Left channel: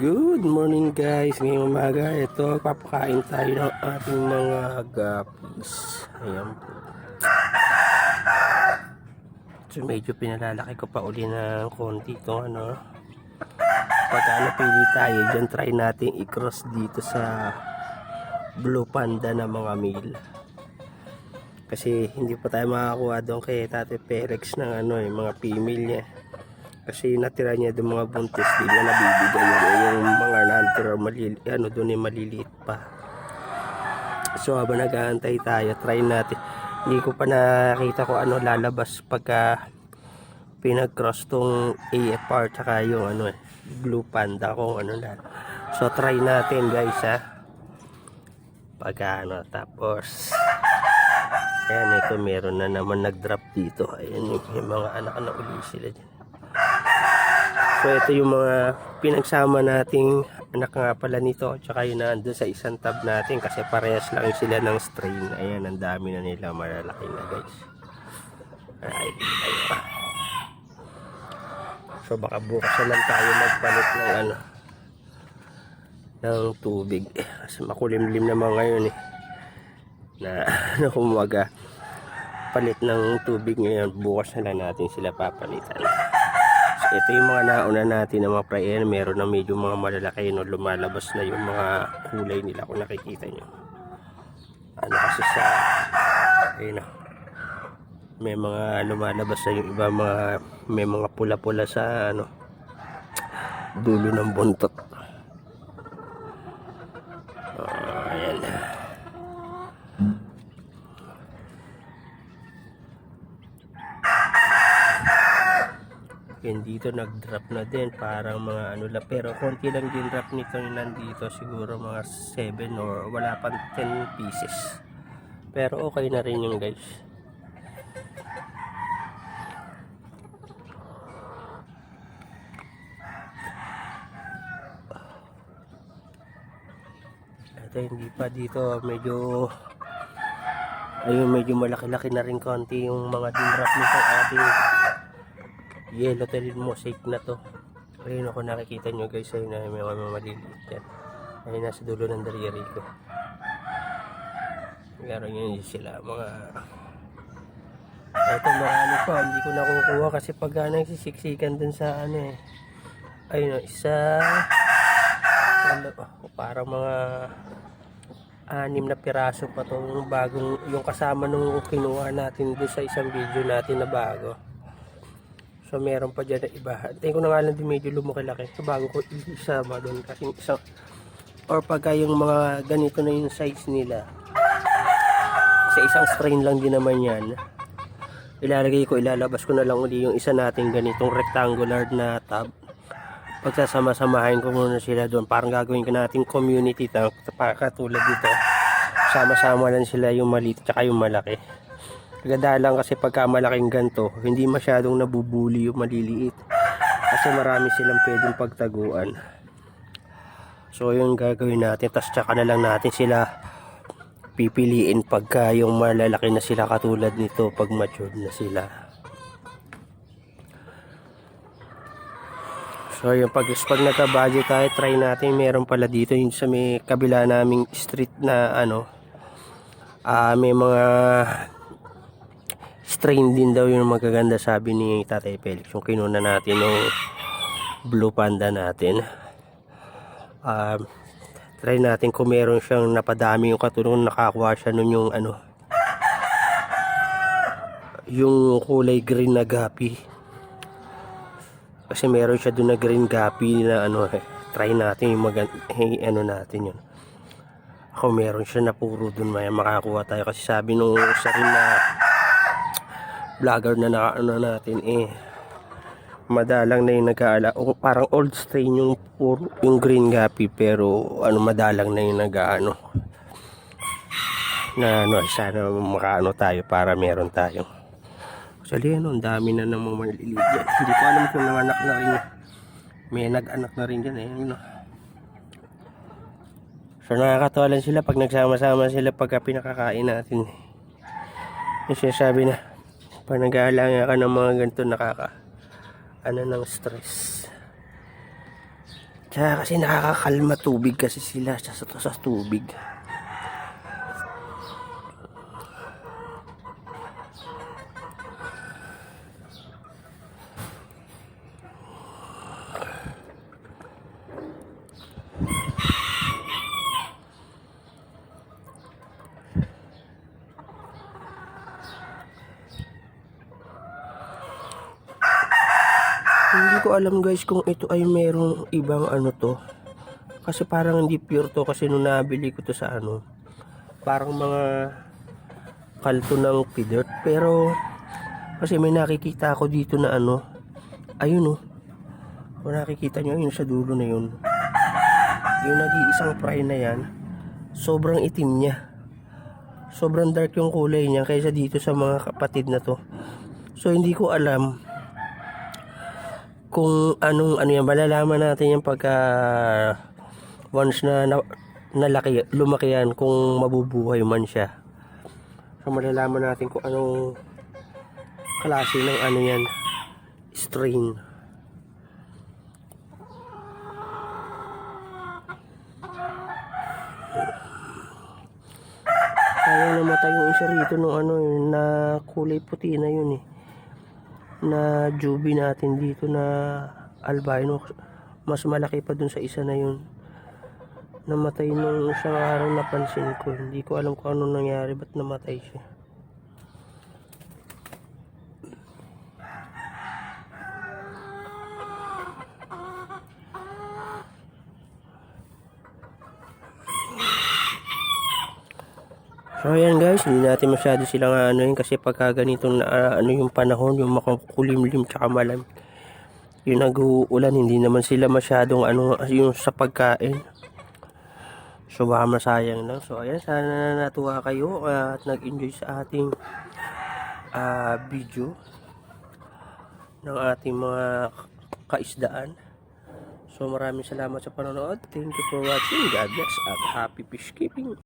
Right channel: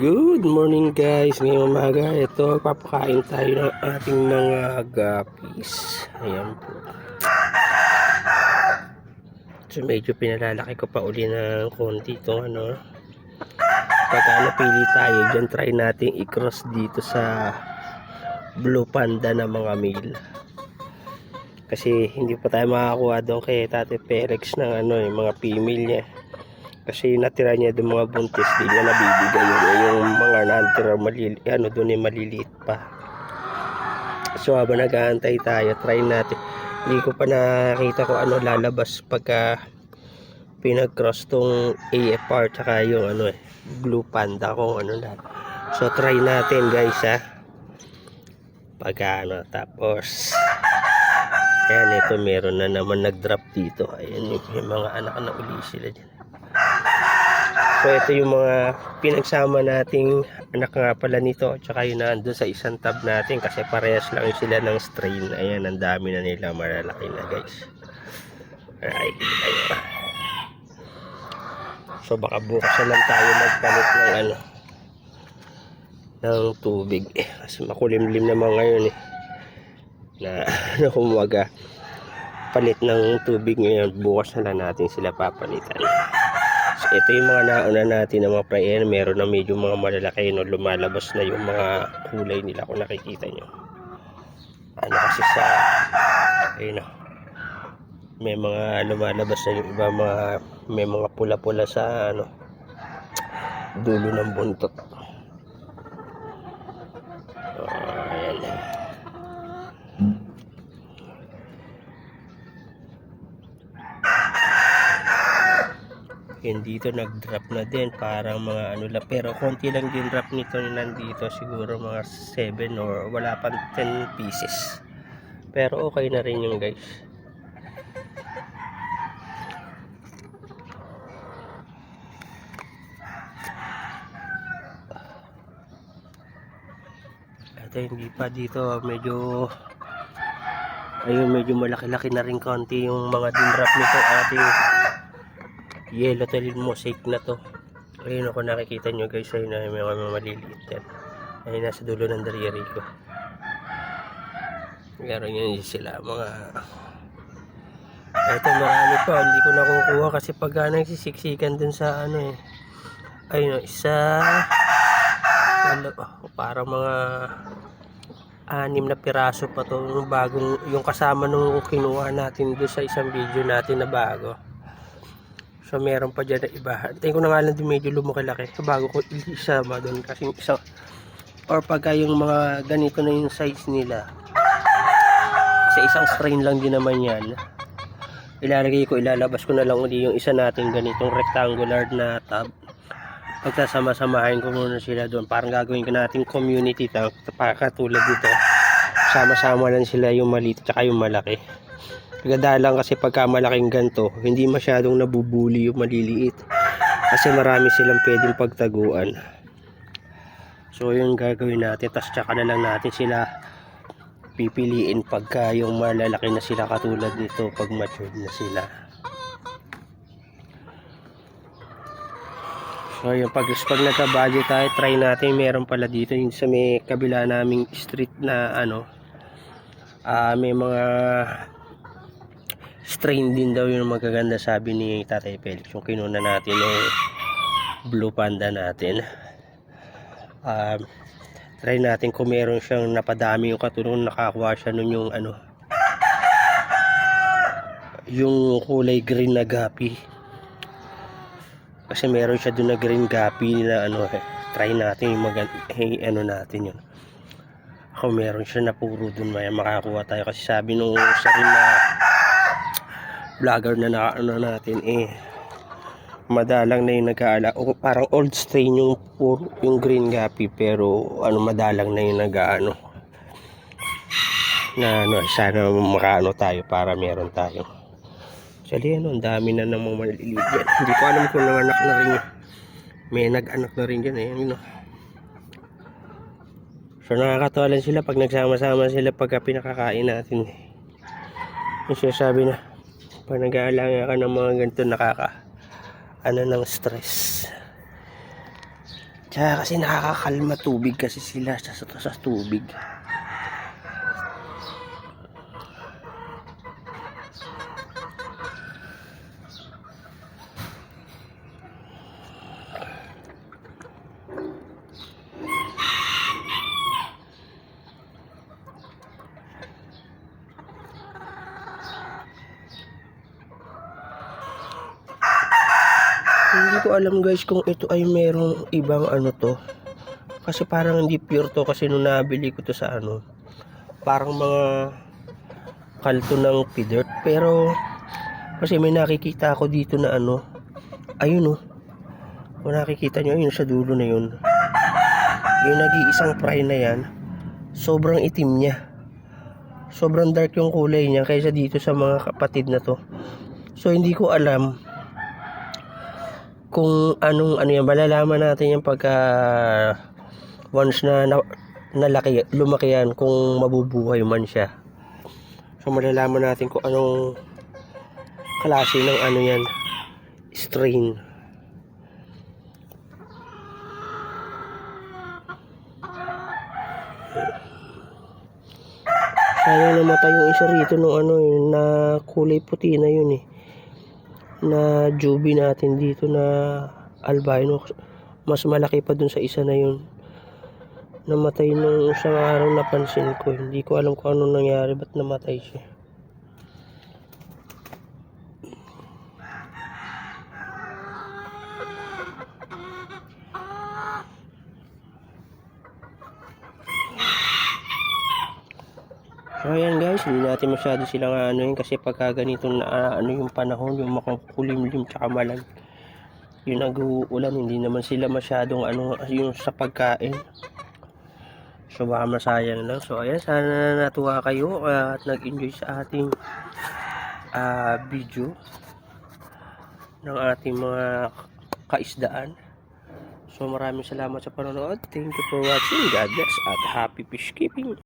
Good morning guys, ngayong umaga ito papakain tayo ng ating mga guppies. Ayan po. So medyo pinalalaki ko pa uli ng konti itong pagka napili tayo dyan, try natin i-cross dito sa Blue Panda na mga male, kasi hindi pa tayo makakuha doon kay Tate Perex ng mga female niya. Kasi natira niya doon mga buntis, di niya nabibigay yung mga natira doon ay maliliit pa. So habang nag-aantay tayo, try natin. Hindi ko pa nakita ko lalabas pagka pinag-cross tong AFR tsaka yung Blue Panda kung So try natin guys pagka tapos ayan, ito meron na naman nag-drop dito. Ayan yung mga anak na uli sila dyan. So ito yung mga pinagsama nating anak nga pala nito, tsaka yun na doon sa isang tab natin kasi parehas lang sila ng strain. Ayan, ang dami na nila, malalaki na guys. Alright, so baka bukas na lang tayo magpalit ng tubig kasi makulimlim naman ngayon na kumaga palit ng tubig ngayon. Bukas na lang natin sila papalitan. So ito yung mga nauna natin na mga prayer, meron na medyo mga malalaki lumalabas na yung mga kulay nila kung nakikita nyo. Kasi sa may mga lumalabas na yung iba, may mga pula-pula sa dulo ng buntot. Ayan. Yan dito nag-drop na din, parang mga pero konti lang din drop nito nandito, siguro mga 7 or wala pang 10 pieces, pero okay na rin yung guys. Ito hindi pa dito, medyo malaki-laki na rin konti yung mga din drop nito ating yellow tail mosaic na to. Ayun ako, nakikita nyo guys, ayun na may mga maliliit yan. Ayun nasa dulo ng daliri ko. Meron yun sila mga eto, marami pa, hindi ko nakukuha kasi pag nagsisiksikan dun sa ayun isa parang mga 6 na piraso pa to, bagong yung kasama nung kinuha natin doon sa isang video natin na bago. So meron pa dyan na iba. Tingin ko na nga lang din medyo lumaki-laki. So bago ko isama doon kasi isa, or pagka yung mga ganito na yung size nila, sa isang strain lang din naman yan, ilalabas ko na lang uli yung isa natin ganitong rectangular na tab. Pagsasama-samahin ko muna sila doon, parang gagawin ko natin community tab, katulad dito. Sama-sama lang sila, yung maliit at yung malaki. Ganda lang kasi pagka malaking ganto, hindi masyadong nabubuli yung maliliit kasi marami silang pwedeng pagtaguan. So yun gagawin natin, tas tsaka na lang natin sila pipiliin pagka yung malalaki na sila, katulad nito pag matured na sila. So yung pag nagka-budget tayo, try natin, meron pala dito yung sa may kabila naming street na may mga strain din daw yung magaganda, sabi ni Tatay Felix, yung kinuna natin yung Blue Panda natin. Try natin kung meron siyang napadami, yung katulong nakakuha siya nun yung yung kulay green na guppy, kasi meron siya dun na green guppy na try natin yung natin yun. Ako meron siya na puro dun, may makakuha tayo kasi sabi nung isa rin na vlogger na natin madalang na yung nag-aala, parang old strain yung green guppy, pero madalang na yung sana makaano tayo para meron tayo. Actually ang dami na namang maliliit yan. Hindi ko alam kung nanganak na rin yun. May nag-anak na rin dyan So nakakatawa lang sila pag nagsama-sama sila pagka pinakakain natin. Yung sinasabi na pag nag-aalala ka ng mga ganito, ng stress. Tsaka kasi nakakakalma tubig kasi sila sa tubig. Hindi ko alam guys kung ito ay merong ibang ano to. Kasi parang hindi pure to kasi nung nabili ko to sa ano, parang mga kalto ng pidert. Pero kasi may nakikita ako dito na ano, ayun oh. Kung nakikita nyo, ayun sa dulo na yun. Yung nag-iisang fry na yan, sobrang itim niya. Sobrang dark yung kulay niya kaysa dito sa mga kapatid na to. So hindi ko alam kung anong ano yan, malalaman natin yung pagka once na nalaki, lumaki yan, kung mabubuhay man siya. So malalaman natin kung anong klase ng ano yan, strain. Sayang namatay yung isa rito nung ano yun, na kulay puti na yun eh, na jubi natin dito na albino. Mas malaki pa dun sa isa na yun, namatay nung isang araw. Napansin ko, hindi ko alam kung anong nangyari, ba't namatay siya. So ayan guys, hindi natin masyado silang ano yun, kasi pagka ganitong ano yung panahon, yung makukulimlim tsaka malam, yung nag-uulan, hindi naman sila masyadong ano yung sa pagkain. So baka masayang lang. So ayan, sana natuwa kayo at nag-enjoy sa ating video ng ating mga kaisdaan. So maraming salamat sa panonood. Thank you for watching. God bless at happy fish keeping.